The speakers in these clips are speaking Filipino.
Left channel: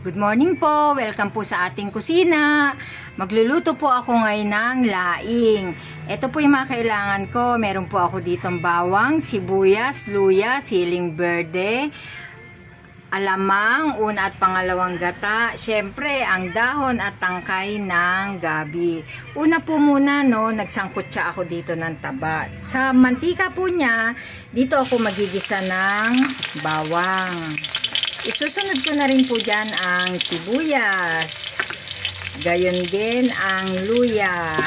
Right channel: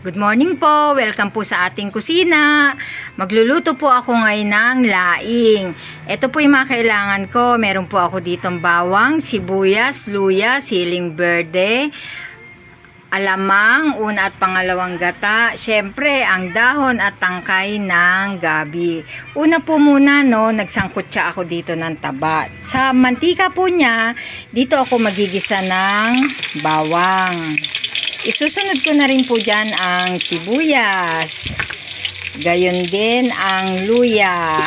Good morning po! Welcome po sa ating kusina. Magluluto po ako ngayon ng laing. Ito po yung mga kailangan ko. Meron po ako ditong bawang, sibuyas, luya, siling berde, alamang, una at pangalawang gata. Siyempre, ang dahon at tangkay ng gabi. Una po muna, nagsangkot siya ako dito ng taba. Sa mantika po niya, dito ako magigisa ng bawang. Isusunod ko na rin po dyan ang sibuyas. Gayon din ang luya.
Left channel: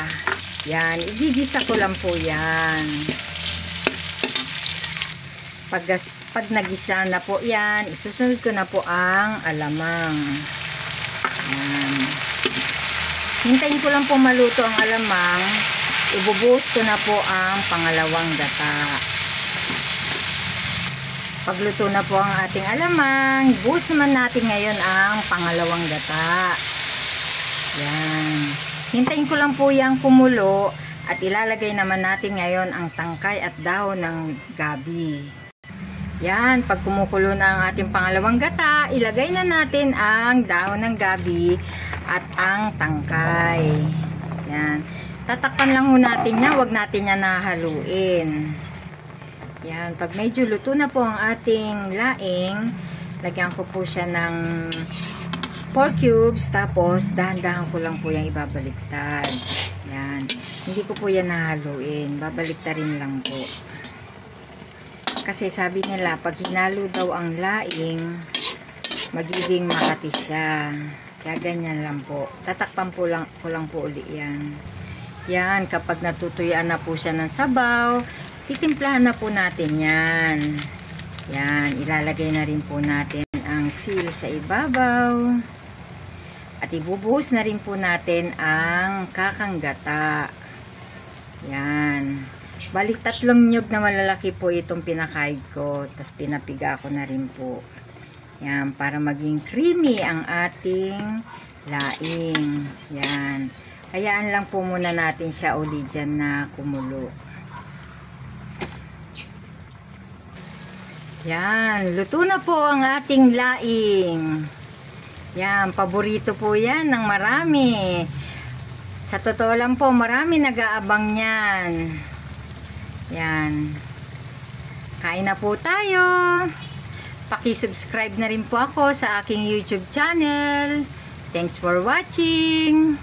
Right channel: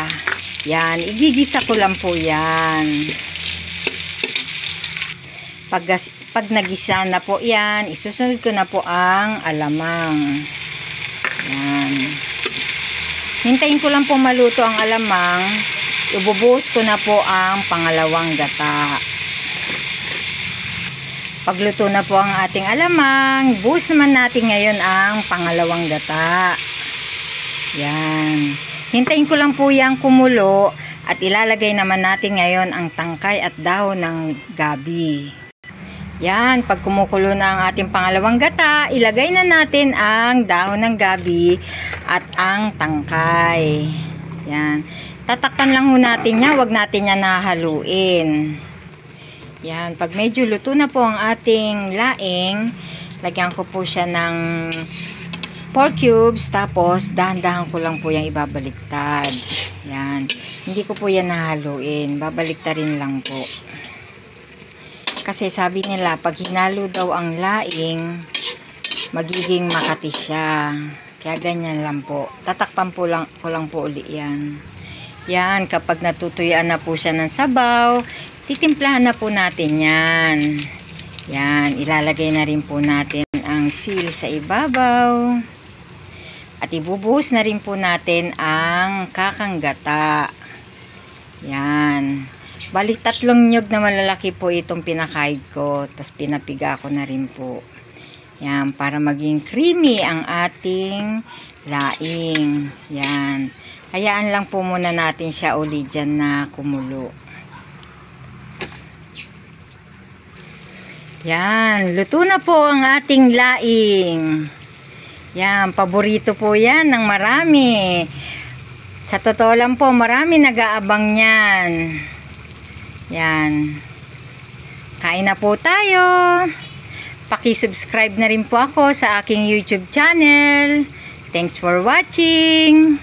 Yan, igigisa ko lang po yan. Pag nagisa na po yan, isusunod ko na po ang alamang. Yan. Hintayin ko lang po maluto ang alamang. Ibubuhos ko na po ang pangalawang gata. Pagluto na po ang ating alamang, buhos naman natin ngayon ang pangalawang gata. Yan. Hintayin ko lang po yung kumulo at ilalagay naman natin ngayon ang tangkay at dahon ng gabi. Yan, pag kumukulo na ang ating pangalawang gata, ilagay na natin ang dahon ng gabi at ang tangkay. Yan. Tatakpan lang ho natin yan, wag natin yan nahaluin. Yan, pag medyo luto na po ang ating laing, lagyan ko po siya ng 4 cubes, tapos dahan-dahan ko lang po yung ibabaliktad. Yan, hindi ko po yan nahaluin, babaliktarin lang po. Kasi sabi nila, pag hinalo daw ang laing, magiging makati siya. Kaya ganyan lang po. Tatakpan po lang, ko lang po uli yan. Yan, kapag natutuyaan na po siya ng sabaw, titimplahan na po natin yan. Yan, ilalagay na rin po natin ang sil sa ibabaw. At ibubuhos na rin po natin ang kakanggata. Yan. Balik 3 nyug na malalaki po itong pinakaid ko. Tapos pinapiga ko na rin po. Yan, para maging creamy ang ating laing. Yan. Hayaan lang po muna natin siya uli dyan na kumulo. Yan, luto na po ang ating laing. Yan, paborito po yan ng marami. Sa totoo lang po, marami nag-aabang yan. Yan. Kain na po tayo. Paki-subscribe na rin po ako sa aking YouTube channel. Thanks for watching.